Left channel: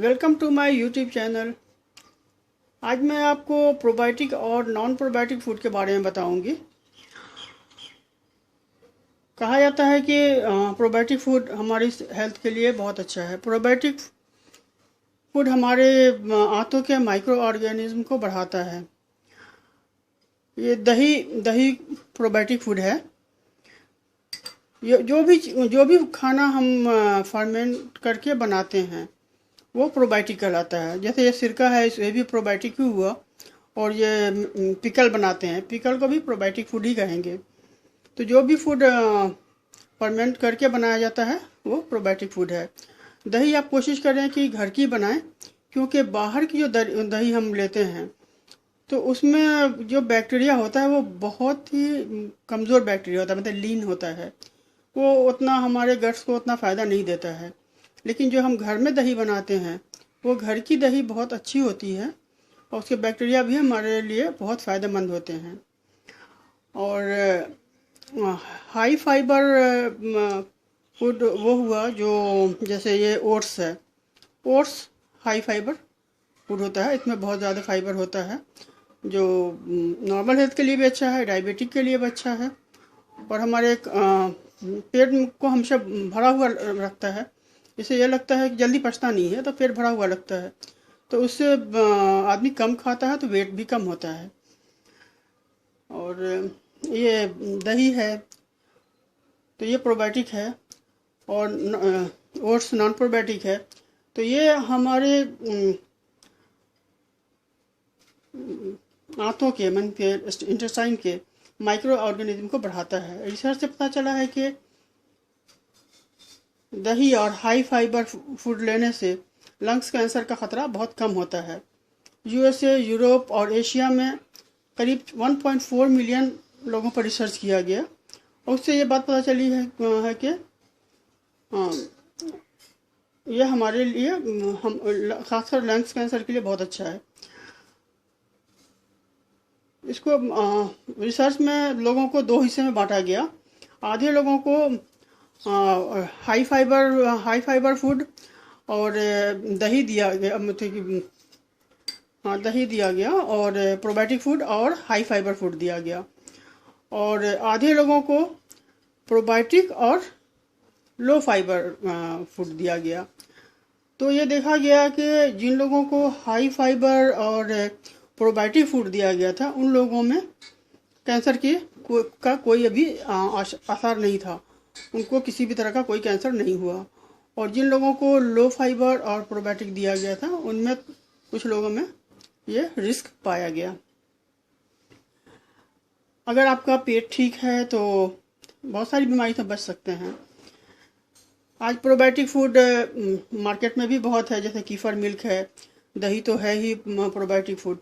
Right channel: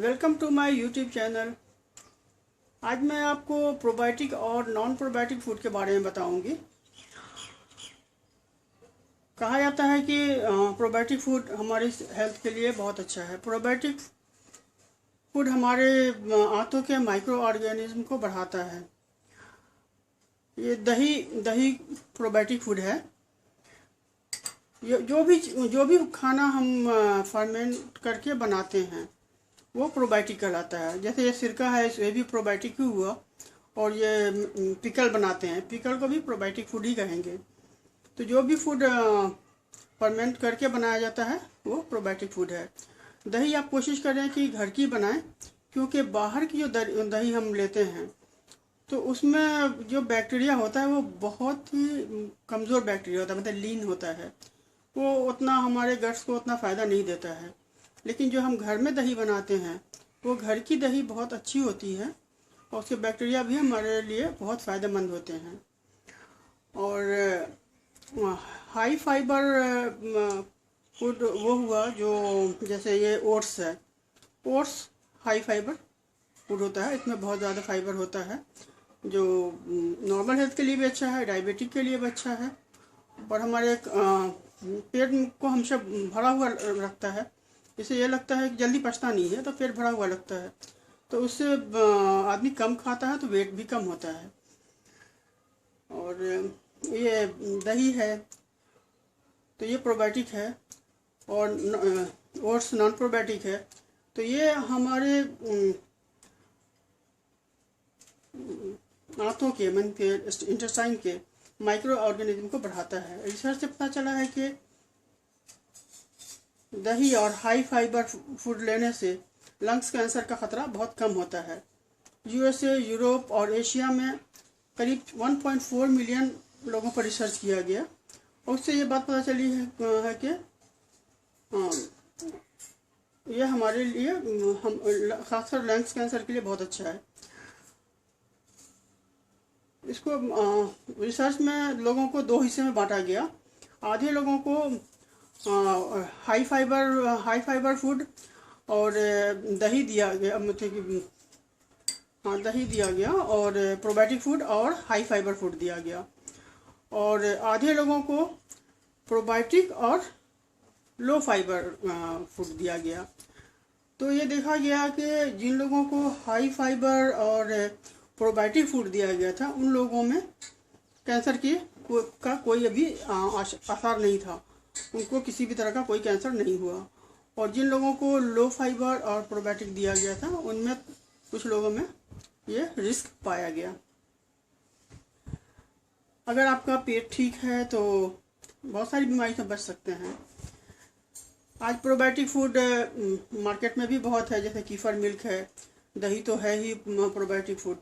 Welcome to my YouTube channel. आज मैं आपको प्रोबायोटिक और नॉन प्रोबायोटिक फूड के बारे में बताऊंगी। कहा जाता है कि प्रोबायोटिक फूड हमारी हेल्थ के लिए बहुत अच्छा है। प्रोबायोटिक फूड हमारे आंतों के माइक्रो ऑर्गेनिज्म को बढ़ाता है। ये दही दही प्रोबायोटिक फूड है। ये जो भी खाना हम फर्मेंट करके बनाते हैं वो प्रोबायोटिक कहलाता है। जैसे ये सिरका है, ये भी प्रोबायोटिक ही हुआ। और ये पिकल बनाते हैं, पिकल को भी प्रोबायोटिक फूड ही कहेंगे। तो जो भी फूड फर्मेंट करके बनाया जाता है वो प्रोबायोटिक फूड है। दही आप कोशिश करें कि घर की बनाएं, क्योंकि बाहर की जो दही हम लेते हैं तो उसमें जो बैक्टीरिया होता है वो बहुत ही कमज़ोर बैक्टीरिया होता है, मतलब लीन होता है। वो उतना हमारे गट्स को उतना फ़ायदा नहीं देता है। लेकिन जो हम घर में दही बनाते हैं वो घर की दही बहुत अच्छी होती है और उसके बैक्टीरिया भी हमारे लिए बहुत फ़ायदेमंद होते हैं। और हाई फाइबर फूड वो हुआ जो जैसे ये ओट्स है। ओट्स हाई फाइबर फूड होता है, इसमें बहुत ज़्यादा फाइबर होता है जो नॉर्मल हेल्थ के लिए भी अच्छा है, डायबिटिक के लिए भी अच्छा है और हमारे पेट को हमेशा भरा हुआ रखता है। इससे यह लगता है कि जल्दी पचता नहीं है, तो पेट भरा हुआ लगता है। तो उससे आदमी कम खाता है तो वेट भी कम होता है। और ये दही है तो ये प्रोबायोटिक है और ओट्स नॉन प्रोबायोटिक है। तो ये हमारे आंतों के, मन के, इंटेस्टाइन के माइक्रो ऑर्गेनिज्म को बढ़ाता है। रिसर्च से पता चला है कि दही और हाई फाइबर फूड लेने से लंग्स कैंसर का खतरा बहुत कम होता है। यूएसए, यूरोप और एशिया में करीब 1.4 मिलियन लोगों पर रिसर्च किया गया और उससे ये बात पता चली है कि यह हमारे लिए हम खासकर लंग्स कैंसर के लिए बहुत अच्छा है। इसको रिसर्च में लोगों को दो हिस्से में बांटा गया। आधे लोगों को हाई फाइबर फूड और दही दिया गया, मतलब कि हाँ, दही दिया गया और प्रोबायोटिक फूड और हाई फाइबर फूड दिया गया। और आधे लोगों को प्रोबायोटिक और लो फाइबर फूड दिया गया। तो ये देखा गया कि जिन लोगों को हाई फाइबर और प्रोबायोटिक फूड दिया गया था उन लोगों में कैंसर का कोई अभी आसार नहीं था, उनको किसी भी तरह का कोई कैंसर नहीं हुआ। और जिन लोगों को लो फाइबर और प्रोबायोटिक दिया गया था उनमें कुछ लोगों में ये रिस्क पाया गया। अगर आपका पेट ठीक है तो बहुत सारी बीमारी से बच सकते हैं। आज प्रोबायोटिक फूड मार्केट में भी बहुत है, जैसे कीफर मिल्क है, दही तो है ही प्रोबायोटिक फूड।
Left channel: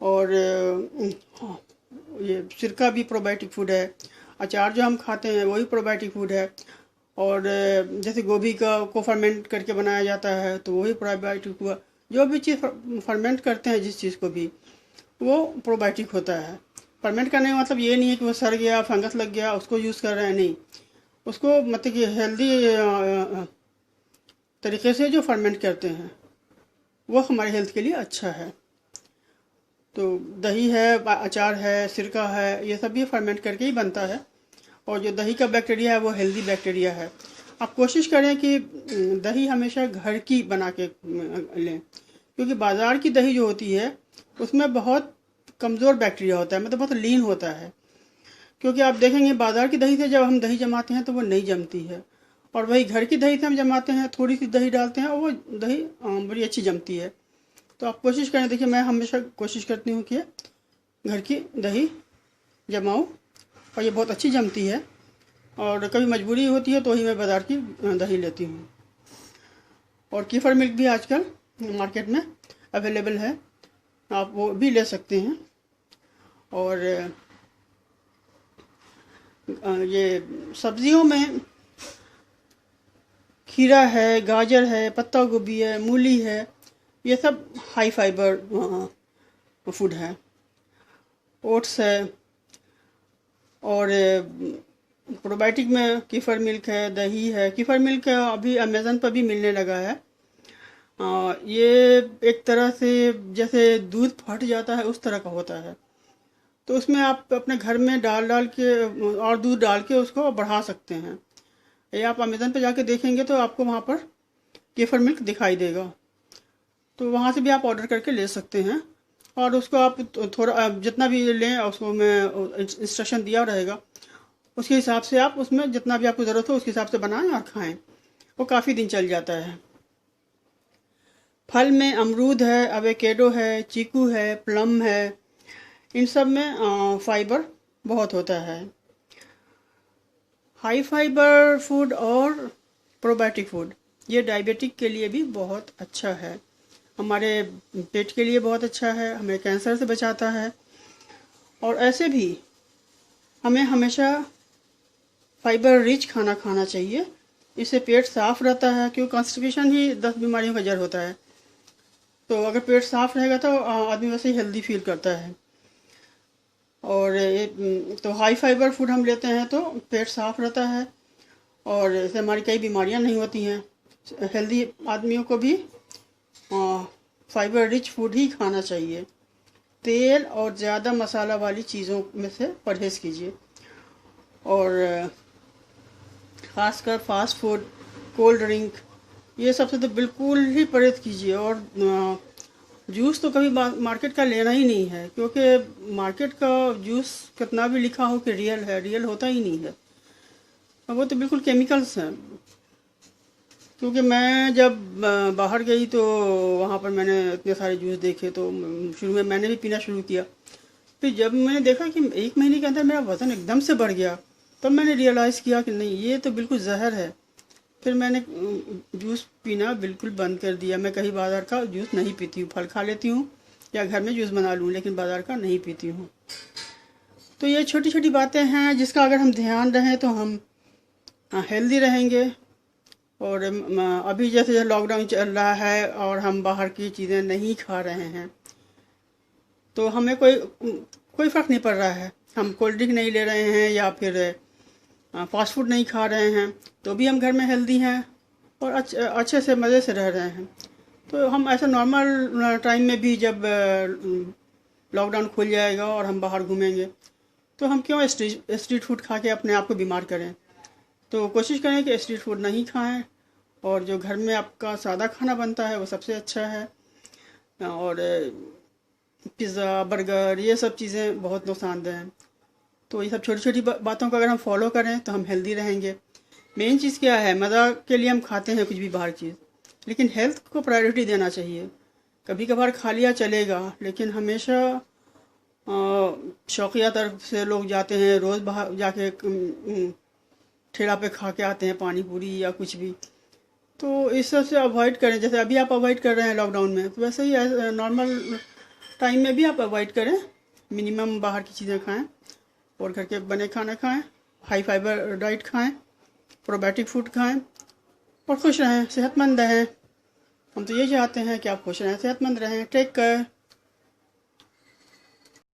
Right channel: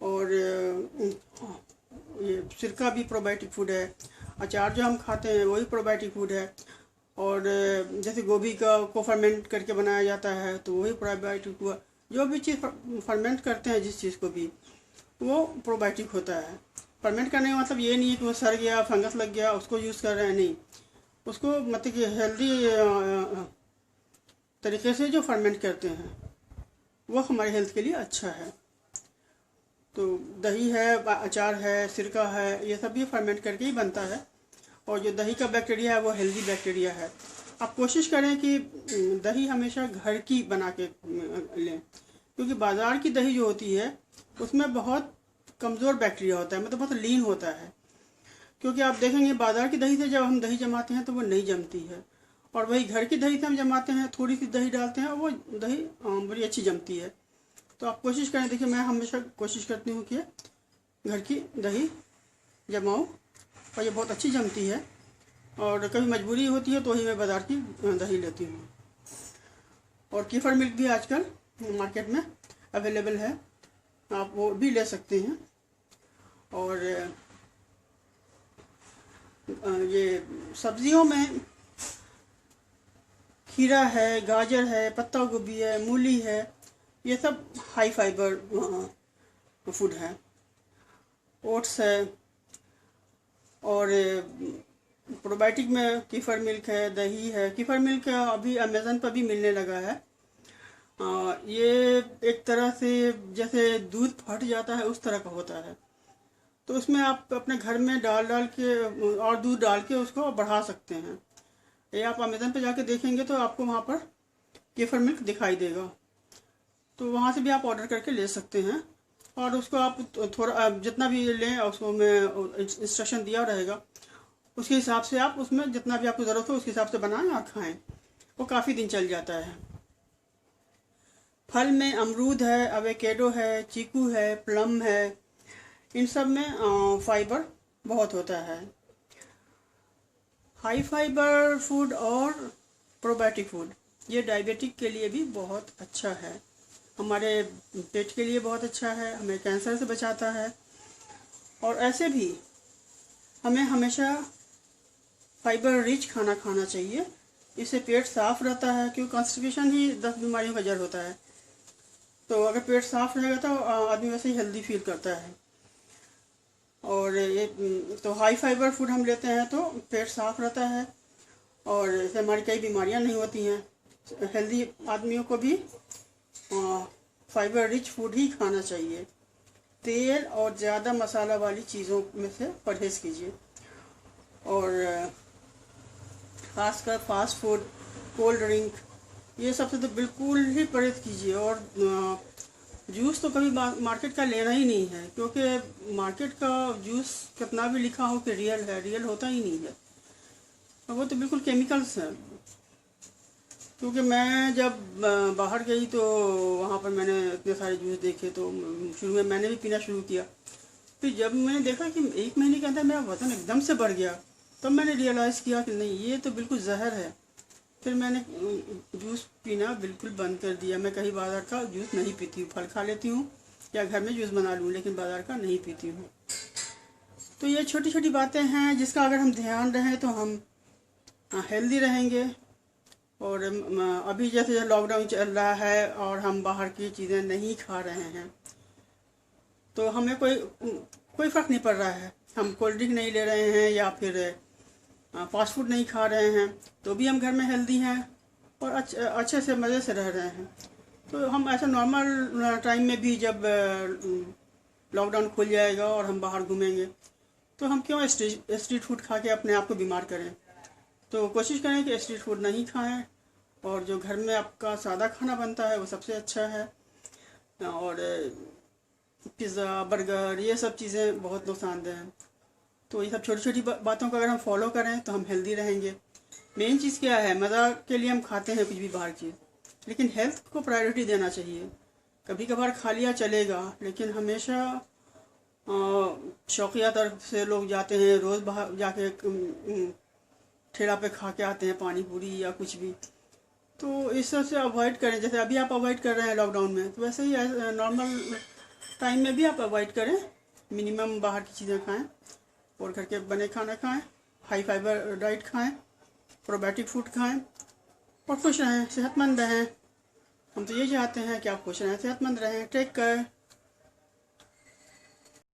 और ये सिरका भी प्रोबायोटिक फूड है। अचार जो हम खाते हैं वही प्रोबायोटिक फूड है। और जैसे गोभी को फर्मेंट करके बनाया जाता है तो वही प्रोबायोटिक हुआ। जो भी चीज़ फर्मेंट करते हैं जिस चीज़ को भी, वो प्रोबायोटिक होता है। फर्मेंट करने का मतलब ये नहीं है कि वो सड़ गया, फंगस लग गया, उसको यूज़ कर रहे हैं, नहीं। उसको मतलब कि हेल्दी तरीके से जो फर्मेंट करते हैं वो हमारे हेल्थ के लिए अच्छा है। तो दही है, अचार है, सिरका है, ये सब भी फर्मेंट करके ही बनता है। और जो दही का बैक्टीरिया है वो हेल्दी बैक्टीरिया है। आप कोशिश करें कि दही हमेशा घर की बना के लें, क्योंकि बाज़ार की दही जो होती है उसमें बहुत कमज़ोर बैक्टीरिया होता है, मतलब बहुत लीन होता है। क्योंकि आप देखेंगे बाज़ार की दही से जब हम दही जमाते हैं तो वो नहीं जमती है, और वही घर की दही से हम जमाते हैं, थोड़ी सी दही डालते हैं और वो दही बड़ी अच्छी जमती है। तो आप कोशिश करें, देखिए मैं हमेशा कोशिश करती हूँ कि घर की दही जमाऊँ और ये बहुत अच्छी जमती है। और कभी मजबूरी होती है तो ही मैं बाज़ार की दही लेती हूँ। और कीफर मिल्क भी आजकल मार्केट में अवेलेबल है, आप वो भी ले सकते हैं। और ये सब्जियों में खीरा है, गाजर है, पत्ता गोभी है, मूली है, ये सब हाई फाइबर फूड है। ओट्स है। और प्रोबायोटिक में कीफर मिल्क है, दही है। कीफर मिल्क अभी अमेज़न पर भी मिलने लगा है। ये एक तरह से जैसे दूध फट जाता है उस तरह का होता है। तो उसमें आप अपने घर में डाल डाल के और दूध डाल के उसको बढ़ा सकते हैं। ये आप अमेज़न पे जाके देखेंगे तो आपको वहाँ पर केफर मिल्क दिखाई देगा, तो वहाँ से भी आप ऑर्डर करके ले सकते हैं। और उसको आप थोड़ा जितना भी लें उसको में इंस्ट्रक्शन दिया रहेगा, उसके हिसाब से आप उसमें जितना भी आपको ज़रूरत हो उसके हिसाब से बनाएं और खाएं। वो काफ़ी दिन चल जाता है। फल में अमरूद है, एवोकेडो है, चीकू है, प्लम है, इन सब में फाइबर बहुत होता है। हाई फाइबर फूड और प्रोबायोटिक फूड ये डायबिटिक के लिए भी बहुत अच्छा है, हमारे पेट के लिए बहुत अच्छा है, हमें कैंसर से बचाता है। और ऐसे भी हमें हमेशा फाइबर रिच खाना खाना चाहिए, इससे पेट साफ रहता है, क्योंकि कॉन्स्टिपेशन ही 10 बीमारियों का जड़ होता है। तो अगर पेट साफ रहेगा तो आदमी वैसे ही हेल्दी फील करता है। और ये तो हाई फाइबर फूड हम लेते हैं तो पेट साफ रहता है और इससे हमारी कई बीमारियां नहीं होती हैं। हेल्दी आदमियों को भी फाइबर रिच फूड ही खाना चाहिए। तेल और ज़्यादा मसाला वाली चीज़ों में से परहेज़ कीजिए, और ख़ासकर फास्ट फूड, कोल्ड ड्रिंक, ये सबसे तो बिल्कुल ही परहेज़ कीजिए। और जूस तो कभी मार्केट का लेना ही नहीं है, क्योंकि मार्केट का जूस कितना भी लिखा हो कि रियल है, रियल होता ही नहीं है, वो तो बिल्कुल केमिकल्स हैं। क्योंकि मैं जब बाहर गई तो वहाँ पर मैंने इतने सारे जूस देखे, तो शुरू में मैंने भी पीना शुरू किया। फिर जब मैंने देखा कि 1 महीने के अंदर मेरा वज़न एकदम से बढ़ गया, तब मैंने रियलाइज़ किया कि नहीं, ये तो बिल्कुल जहर है। फिर मैंने जूस पीना बिल्कुल बंद कर दिया। मैं कहीं बाज़ार का जूस नहीं पीती हूँ, फल खा लेती हूँ या घर में जूस बना लूँ, लेकिन बाज़ार का नहीं पीती हूँ। तो ये छोटी छोटी बातें हैं जिसका अगर हम ध्यान रहें तो हम हेल्दी रहेंगे। और अभी जैसे लॉकडाउन चल रहा है और हम बाहर की चीज़ें नहीं खा रहे हैं, तो हमें कोई फ़र्क नहीं पड़ रहा है। हम कोल्ड ड्रिंक नहीं ले रहे हैं या फिर फास्ट फूड नहीं खा रहे हैं, तो भी हम घर में हेल्दी हैं और अच्छे से मज़े से रह रहे हैं। तो हम ऐसे नॉर्मल टाइम में भी जब लॉकडाउन खुल जाएगा और हम बाहर घूमेंगे, तो हम क्यों स्ट्रीट फूड खा के अपने आप को बीमार करें। तो कोशिश करें कि स्ट्रीट फूड नहीं खाएं, और जो घर में आपका सादा खाना बनता है वो सबसे अच्छा है। और पिज़्ज़ा, बर्गर, ये सब चीज़ें बहुत नुकसानदेह हैं। तो ये सब छोटी छोटी बातों को अगर हम फॉलो करें तो हम हेल्दी रहेंगे। मेन चीज़ क्या है, मज़ा के लिए हम खाते हैं कुछ भी बाहर चीज़, लेकिन हेल्थ को प्रायोरिटी देना चाहिए। कभी कभार खा लिया चलेगा, लेकिन हमेशा शौकिया तरफ से लोग जाते हैं, रोज़ बाहर जाके ठेला पे खा के आते हैं पानी पूरी या कुछ भी। तो इस सब से अवॉइड करें, जैसे अभी आप अवॉइड कर रहे हैं लॉकडाउन में, तो वैसे ही नॉर्मल टाइम में भी आप अवॉइड करें। मिनिमम बाहर की चीज़ें खाएं और घर के बने खाना खाएं, हाई फाइबर डाइट खाएं, प्रोबायोटिक फूड खाएं और खुश रहें, सेहतमंद रहें। हम तो ये चाहते हैं कि आप खुश रहें, सेहतमंद रहें। Take care.